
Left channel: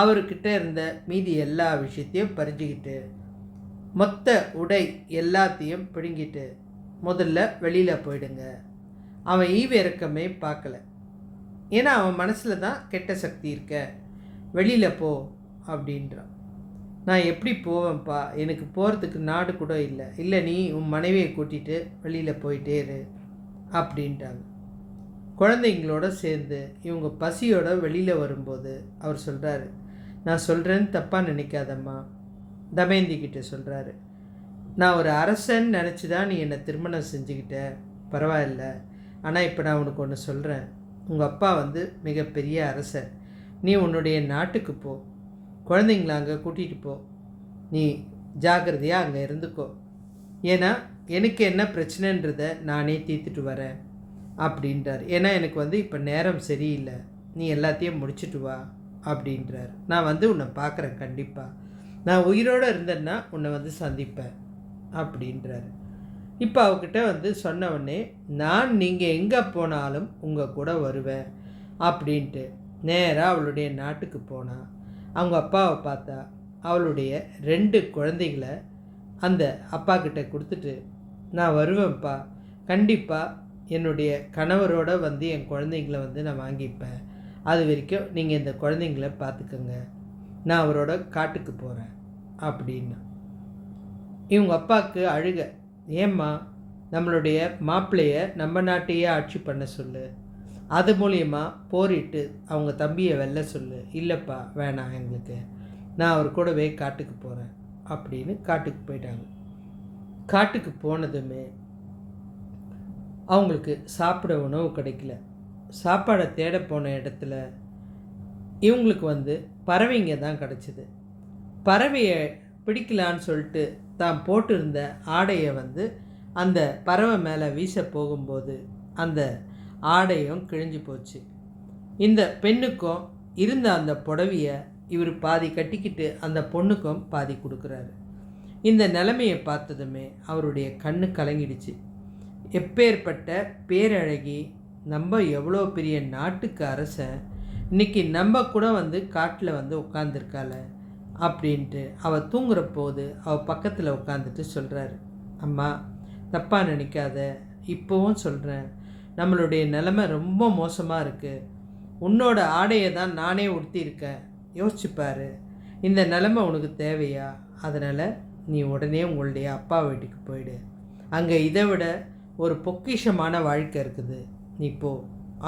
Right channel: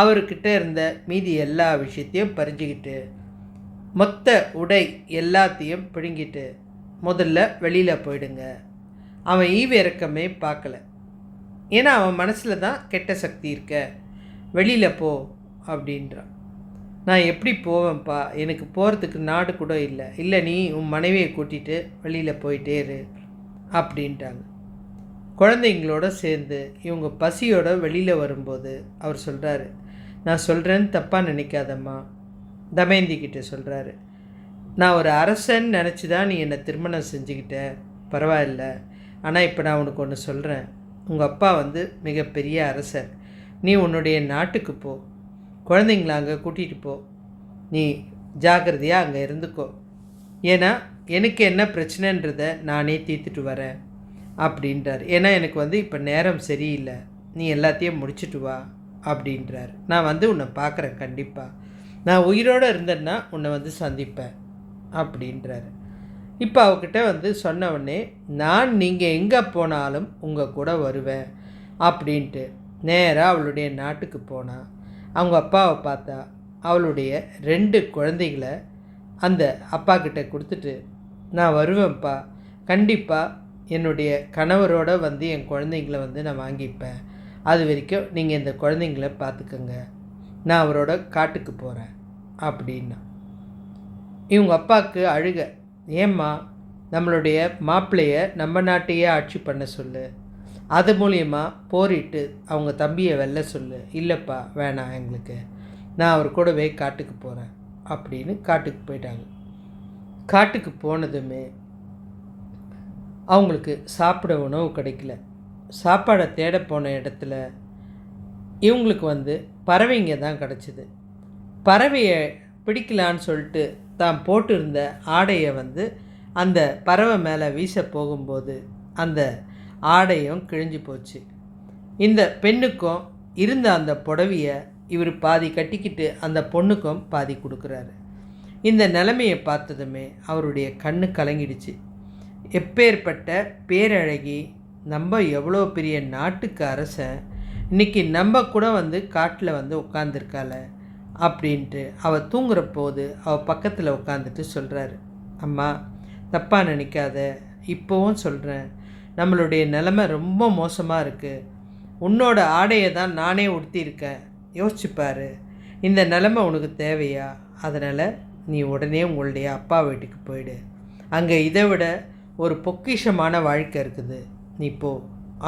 அவர்கிட்ட இருந்த மீதி எல்லா விஷயத்தையும் பறிஞ்சிக்கிட்டு மொத்த உடை எல்லாத்தையும் பிடுங்கிட்டு முதல்ல வெளியில் போயிடுங்க. அவன் ஈவு இறக்கமே பார்க்கல. ஏன்னா அவன் மனசில் தான் கெட்ட சக்தி இருக்க, வெளியில் போ அப்படின்றான். நான் எப்படி போவேன்ப்பா, எனக்கு போகிறதுக்கு நாடு கூட இல்லை. இல்லை, நீ உன் மனைவியை கூட்டிகிட்டு வெளியில் போயிட்டே இரு அப்படின்ட்டாங்க. குழந்தைங்களோட சேர்ந்து இவங்க பசியோட வெளியில் வரும்போது அவர் சொல்கிறாரு, நான் சொல்கிறேன்னு தப்பாக நினைக்காதம்மா. தமயந்திக்கிட்ட சொல்கிறாரு, நான் ஒரு அரசன் நினச்சி தான் நீ என்னை திருமணம் செஞ்சுக்கிட்ட, பரவாயில்ல. ஆனால் இப்போ நான் உனக்கு ஒன்று சொல்கிறேன். உங்கள் அப்பா வந்து மிகப்பெரிய அரசர். நீ உன்னுடைய நாட்டுக்கு போ, குழந்தைங்கள அங்கே கூட்டிகிட்டு போ, நீ ஜாக்கிரதையாக அங்கே இருந்துக்கோ. ஏன்னா எனக்கு என்ன பிரச்சனைன்றதை நானே தீர்த்துட்டு வரேன் அப்படின்றார். ஏன்னா எனக்கு வந்து இப்போ நேரம் சரியில்லை, நீ எல்லாத்தையும் முடிச்சுட்டு வா அப்படின்றார். நான் வந்து உன்னை பார்க்குறேன், கண்டிப்பாக நான் உயிரோடு இருந்தேன்னா உன்னை வந்து சந்திப்பேன் அப்படின்றார். இப்போ அவகிட்ட வந்து சொன்ன உடனே, நான் நீங்கள் எங்கே போனாலும் உங்கள் கூட வருவேன் அப்படின்ட்டு நேராக அவளுடைய நாட்டுக்கு போனாள். அவங்க அப்பாவை பார்த்தா அவளுடைய 2 குழந்தைகளை அந்த அப்பா கிட்ட கொடுத்துட்டு, நான் வருவேன்ப்பா, கண்டிப்பாக என்னுடைய கணவரோடு வந்து என் குழந்தைங்கள வந்து நான் வாங்கிப்பேன் அது வரைக்கும் நீங்கள் இந்த குழந்தைங்கள பார்த்துக்கங்க, நான் அவரோட காட்டுக்கு போகிறேன் அப்படின்னா. இவங்க அப்பாவுக்கு அழுக. ஏம்மா, நம்மளுடைய மாப்பிள்ளைய நம்ம நாட்டையே ஆட்சி பண்ண சொல்லு, அது மூலியமா போரிட்டு அவங்க தம்பியை வெல்ல சொல்லு. இல்லைப்பா, வேணாம் எங்களுக்கு, நான் அவர் கூடவே காட்டுக்கு போகிறேன் அப்படின்னு காட்டுக்கு போயிட்டாங்க. காட்டுக்கு போனதுமே அவங்களுக்கு சாப்பிட உணவு கிடைக்கல. சாப்பாடை தேட போன இடத்துல இவங்களுக்கு பறவைங்க தான் கிடச்சிது. பறவையை பிடிக்கலான்னு சொல்லிட்டு தான் போட்டிருந்த ஆடையை அந்த பறவை மேலே வீச போகும்போது அந்த ஆடையும் கிழிஞ்சு போச்சு. இந்த பெண்ணுக்கும் இருந்த அந்த புடவையை இவர் பாதி கட்டிக்கிட்டு அந்த பொண்ணுக்கும் பாதி கொடுக்குறாரு. இந்த நிலைமையை பார்த்ததுமே அவருடைய கண்ணு கலங்கிடுச்சு. எப்பேற்பட்ட பேரழகி, நம்ம எவ்வளோ பெரிய நாட்டுக்கு அரசன், இன்றைக்கி நம்ம கூட காட்டில் உட்காந்துருக்காள அப்படின்ட்டு அவள் தூங்குற போது அவள் பக்கத்தில் உட்காந்துட்டு சொல்கிறாரு, அம்மா தப்பாக நினைக்காத, இப்போவும் சொல்கிறேன், நம்மளுடைய நிலமை ரொம்ப மோசமாக இருக்குது. உன்னோட ஆடையை தான் நானே உடுத்தியிருக்கேன், யோசிச்சுப்பார். இந்த நிலமை உனக்கு தேவையா? அதனால் நீ உடனே உங்களுடைய அப்பா வீட்டுக்கு போயிடு, அங்கே இதை விட ஒரு பொக்கிஷமான வாழ்க்கை இருக்குது, நீ போ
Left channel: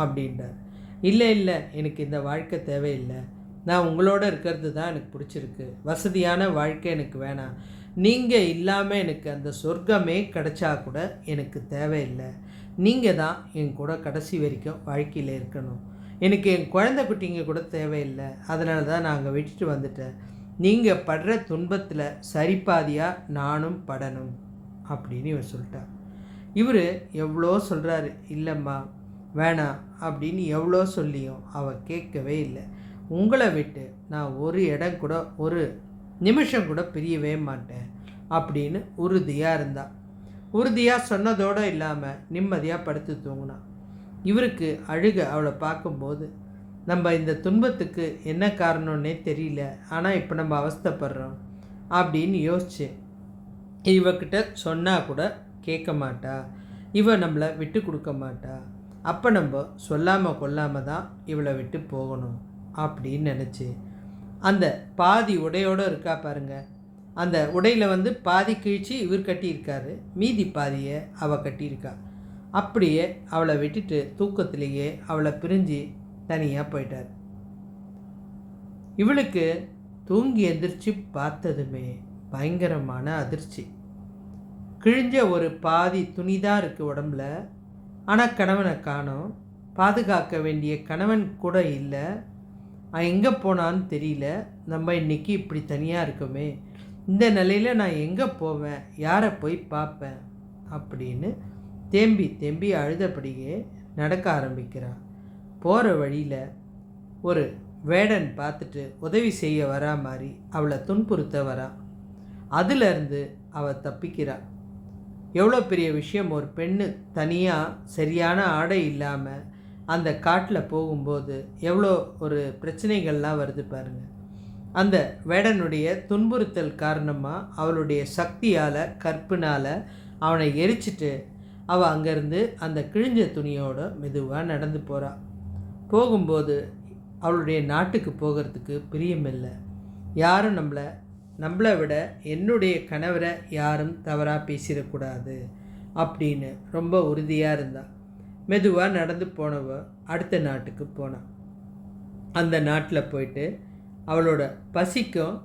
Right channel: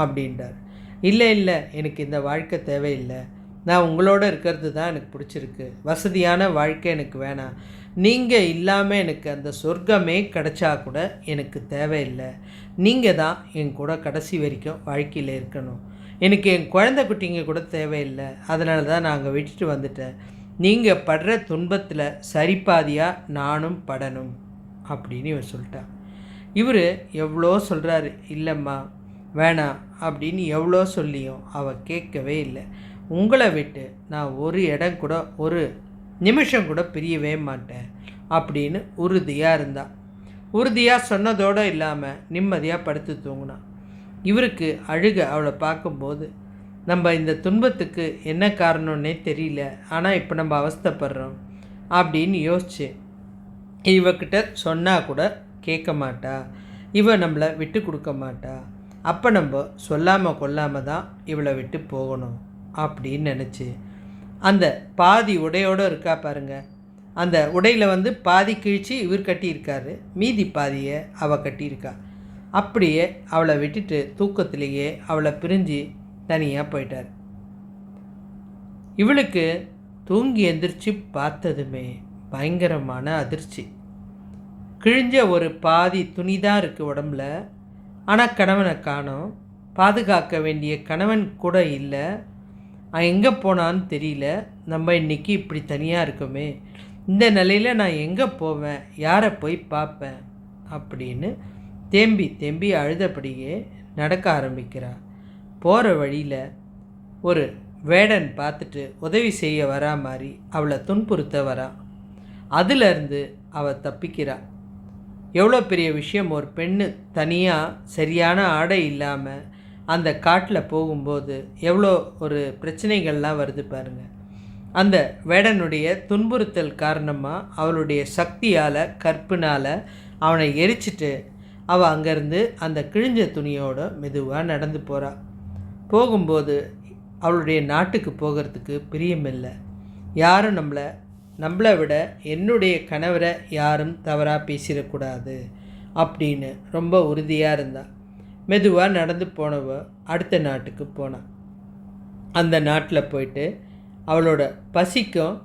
அப்படின்றார். இல்லை இல்லை, எனக்கு இந்த வாழ்க்கை தேவையில்லை, நான் உங்களோட இருக்கிறது தான் எனக்கு பிடிச்சிருக்கு, வசதியான வாழ்க்கை எனக்கு வேணாம், நீங்கள் இல்லாமல் எனக்கு அந்த சொர்க்கமே கிடைச்சா கூட எனக்கு தேவையில்லை, நீங்கள் தான் என் கூட கடைசி வரைக்கும் வாழ்க்கையில் இருக்கணும், எனக்கு என் குழந்தை குட்டிங்க கூட தேவையில்லை, அதனால தான் நான் அங்கே விட்டுட்டு வந்துட்டேன், நீங்கள் படுற துன்பத்தில் சரிபாதியாக நானும் படணும் அப்படின்னு இவர் சொல்லிட்டார். இவர் எவ்வளோ சொல்கிறாரு, இல்லைம்மா வேணாம் அப்படின்னு எவ்வளோ சொல்லியும் அவள் கேட்கவே இல்லை. உங்களை விட்டு நான் ஒரு இடம் கூட ஒரு நிமிஷம் கூட பிரியவே மாட்டேன் அப்படின்னு உறுதியாக இருந்தா. உறுதியாக சொன்னதோடு இல்லாமல் நிம்மதியாக படுத்து தூங்கினான். இவருக்கு அழுக அவளை பார்க்கும்போது, நம்ம இந்த துன்பத்துக்கு என்ன காரணம்னே தெரியல, ஆனால் இப்போ நம்ம அவஸ்தைப்படுறோம் அப்படின்னு யோசிச்சு, இவக்கிட்ட சொன்னால் கூட கேட்க மாட்டா, இவ நம்மளை விட்டு கொடுக்க மாட்டா, அப்போ நம்ம சொல்லாமல் கொல்லாமல் தான் இவளை விட்டு போகணும் அப்படின்னு நினச்சி அந்த பாதி உடையோடு இருக்கா பாருங்க, அந்த உடையில் பாதி கிழிச்சு இவர் கட்டியிருக்காரு, மீதி பாதியை அவள் கட்டியிருக்கா. அப்படியே அவளை விட்டுட்டு தூக்கத்திலேயே அவளை பிரிஞ்சு தனியாக போயிட்டார். இவளுக்கு தூங்கி எந்திரிச்சு பார்த்ததுமே பயங்கரமான அதிர்ச்சி. கிழிஞ்ச ஒரு பாதி துணி தான் இருக்குது உடம்புல, ஆனால் கணவனை காணோம், பாதுகாக்க வேண்டிய கணவன் கூட இல்லை, எங்கே போனான்னு தெரியல, நம்ம இன்றைக்கி இப்படி தனியாக இருக்கோமே, இந்த நிலையில் நான் எங்கே போவேன், யாரை போய் பார்ப்பேன் அப்படின்னு தேம்பி தேம்பி அழுதபடியே நடக்க ஆரம்பிக்கிறாள். போகிற வழியில் ஒரு வேடன் பார்த்துட்டு உதவி செய்ய வரா மாதிரி அவளை துன்புறுத்த வரா. அதிலிருந்து அவள் தப்பிக்கிறாள். எவ்வளோ பெரிய விஷயம், ஒரு பெண்ணு தனியாக சரியான ஆடை இல்லாமல் அந்த காட்டில் போகும்போது எவ்வளோ ஒரு பிரச்சனைகள்லாம் வருது பாருங்கள். அந்த வேடனுடைய துன்புறுத்தல் காரணமாக அவளுடைய சக்தியால் கற்பினால் அவனை எரிச்சிட்டு அவள் அங்கேருந்து அந்த கிழிஞ்ச துணியோடு மெதுவாக நடந்து போகிறாள். போகும்போது அவளுடைய நாட்டுக்கு போகிறதுக்கு பிரியமில்லை. யாரும் நம்மளை விட என்னுடைய கணவரை யாரும் தவறாக பேசிடக்கூடாது அப்படின்னு ரொம்ப உறுதியாக இருந்தாள். மெதுவாக நடந்து போனவ அடுத்த நாட்டுக்கு போனாள். அந்த நாட்டில் போயிட்டு அவளோட பசிக்கும்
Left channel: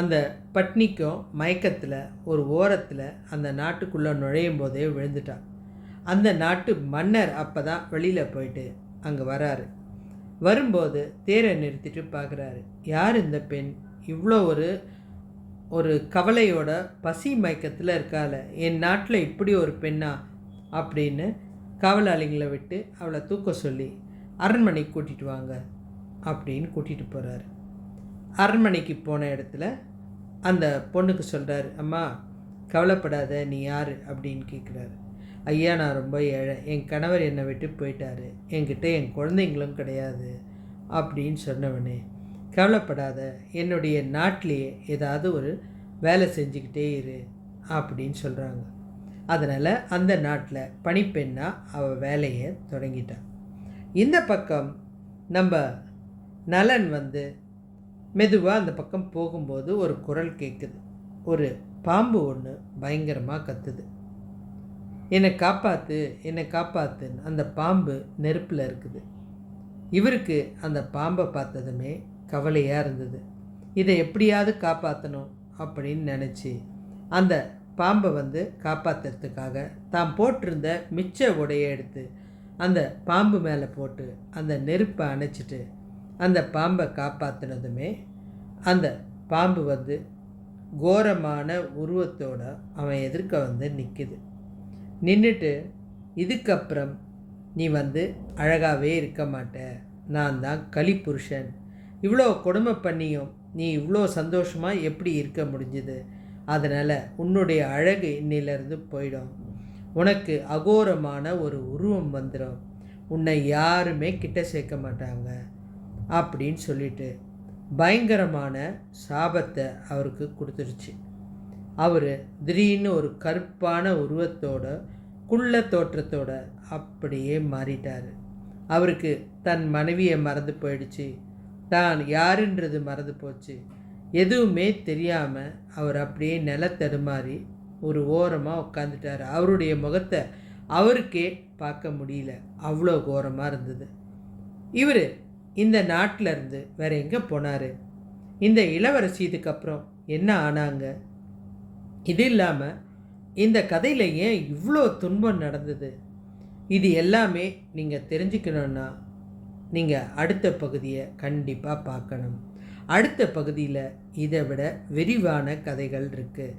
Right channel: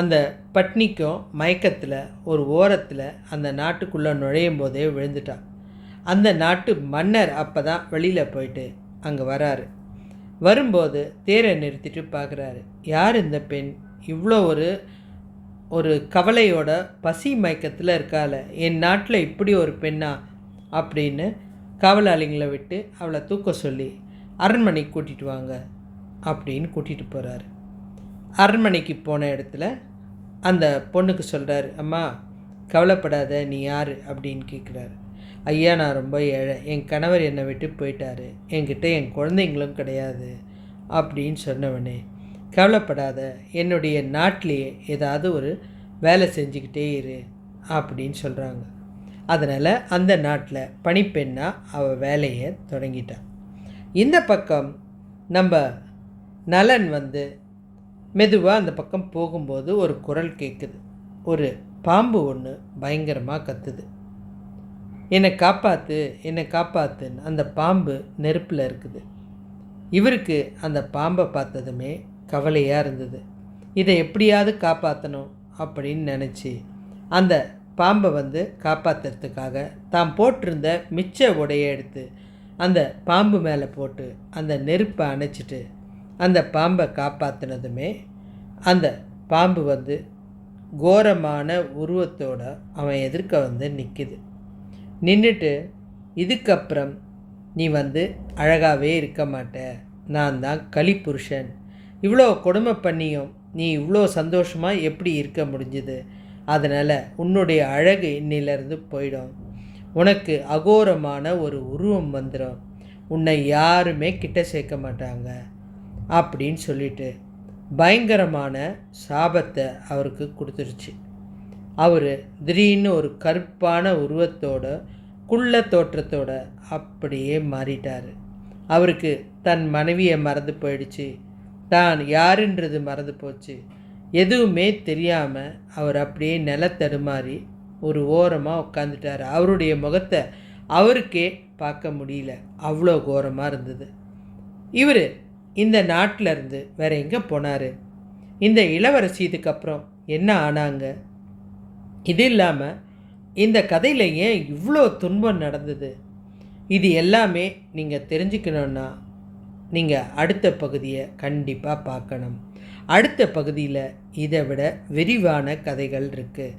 அந்த பட்னிக்கும் மயக்கத்தில் ஒரு ஓரத்தில் அந்த நாட்டுக்குள்ளே நுழையும் போதே விழுந்துட்டாள். அந்த நாட்டு மன்னர் அப்போ தான் வெளியில் போயிட்டு அங்கே வராரு. வரும்போது தேரை நிறுத்திட்டு பார்க்குறாரு, யார் இந்த பெண், இவ்வளோ ஒரு கவலையோட பசி மயக்கத்தில் இருக்கால, என் நாட்டில் இப்படி ஒரு பெண்ணா அப்படின்னு காவலாளிங்களை விட்டு அவளை தூக்க சொல்லி அரண்மனைக்கு கூட்டிகிட்டு வாங்க அப்படின்னு கூட்டிகிட்டு போகிறாரு. அரண்மனைக்கு போன இடத்துல அந்த பொண்ணுக்கு சொல்கிறாரு, அம்மா கவலைப்படாத, நீ யார் அப்படின்னு கேட்குறாரு. ஐயா, நான் ரொம்ப ஏழை, என் கணவர் என்னை விட்டு போயிட்டார், என்கிட்ட என் குழந்தைங்களும் கிடையாது அப்படின்னு சொன்னவனே, கவலைப்படாத, என்னுடைய நாட்டிலேயே ஏதாவது ஒரு வேலை செஞ்சுக்கிட்டே இரு அப்படின்னு சொல்கிறாங்க. அதனால் அந்த நாட்டில் பணிப்பெண்ணாக அவள் வேலையை தொடங்கிட்டான். இந்த பக்கம் நம்ம நலன் வந்து மெதுவாக அந்த பக்கம் போகும்போது ஒரு குரல் கேட்குது. ஒரு பாம்பு ஒன்று பயங்கரமாக கத்துது. என்னை காப்பாற்று, என்னை காப்பாற்றுன்னு. அந்த பாம்பு நெருப்பில் இருக்குது. இவருக்கு அந்த பாம்பை பார்த்ததுமே கவலையாக இருந்தது. இதை எப்படியாவது காப்பாற்றணும் அப்படின்னு நினச்சி அந்த பாம்பை வந்து காப்பாற்றுறதுக்காக தாம் போட்டிருந்த மிச்ச உடையை எடுத்து அந்த பாம்பு மேலே போட்டு அந்த நெருப்பை அணைச்சிட்டு அந்த பாம்பை காப்பாற்றினதுமே அந்த பாம்பு வந்து கோரமான உருவத்தோட அவன் எதிர்க்க வந்து நிற்கிது. நின்றுட்டு, இதுக்கப்புறம் நீ வந்து அழகாகவே இருக்க மாட்ட, நான் தான் கலிப்புருஷன், இவ்வளோ கொடுமை பண்ணியும் நீ இவ்வளோ சந்தோஷமாக எப்படி இருக்க முடிஞ்சுது, அதனால் உன்னுடைய அழகு இன்னிலேருந்து போயிடும், உனக்கு அகோரமான ஒரு உருவம் வந்துடும், உன்னை யாருமே கிட்ட சேர்க்க மாட்டாங்க அப்படின்னு சொல்லிட்டு பயங்கரமான சாபத்தை அவருக்கு கொடுத்துருச்சு. அவர் திடீர்னு ஒரு கருப்பான உருவத்தோட குள்ள தோற்றத்தோட அப்படியே மாறிட்டார். அவருக்கு தன் மனைவியை மறந்து போயிடுச்சு, தான் யாருன்றது மறந்து போச்சு. எதுவுமே தெரியாமல் அவர் அப்படியே நிலத்தடுமாறி ஒரு ஓரமாக உட்காந்துட்டார். அவருடைய முகத்தை அவருக்கே பார்க்க முடியல, அவ்வளோ கோரமாக இருந்தது. இவர் இந்த நாட்டில் இருந்து வேறு எங்கே போனார்? இந்த இளவரசி இதுக்கப்புறம் என்ன ஆனாங்க? இது இல்லாமல் இந்த கதையில் ஏன் இவ்வளோ துன்பம் நடந்தது? இது எல்லாமே நீங்கள் தெரிஞ்சுக்கணுன்னா நீங்கள் அடுத்த பகுதியை கண்டிப்பாக பார்க்கணும். அடுத்த பகுதியில் இதை விட விரிவான கதைகள் இருக்குது.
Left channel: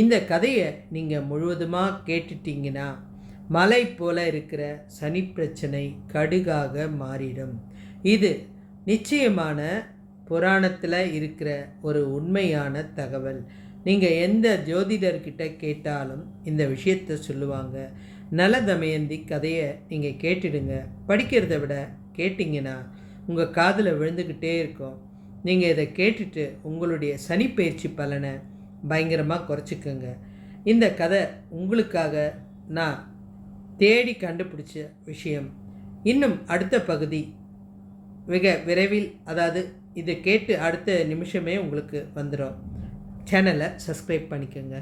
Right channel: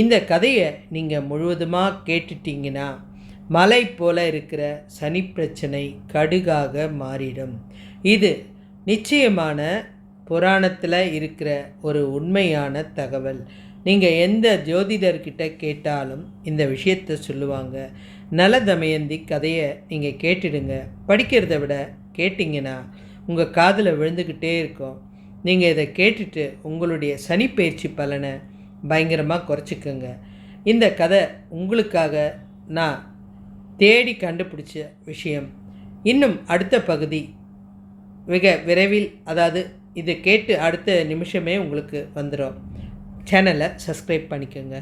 இந்த கதையை நீங்கள் முழுவதுமாக கேட்டுட்டிங்கன்னா மலை போல இருக்கிற சனி பிரச்சனை கடுகாக மாறிடும். இது நிச்சயமான புராணத்தில் இருக்கிற ஒரு உண்மையான தகவல். நீங்கள் எந்த ஜோதிடர்கிட்ட கேட்டாலும் இந்த விஷயத்தை சொல்லுவாங்க. நல தமயந்தி கதையை நீங்கள் கேட்டுடுங்க. படிக்கிறத விட கேட்டிங்கன்னா உங்கள் காதில் விழுந்துக்கிட்டே இருக்கும். நீங்கள் இதை கேட்டுட்டு உங்களுடைய சனிப்பெயர்ச்சி பலனை பயங்கரமாக குறைச்சிக்கோங்க. இந்த கதை உங்களுக்காக நான் தேடி கண்டுபிடிச்ச விஷயம். இன்னும் அடுத்த பகுதி மிக விரைவில், அதாவது இதை கேட்டு அடுத்த நிமிஷமே உங்களுக்கு வந்துடும். சேனலை சப்ஸ்கிரைப் பண்ணிக்கோங்க.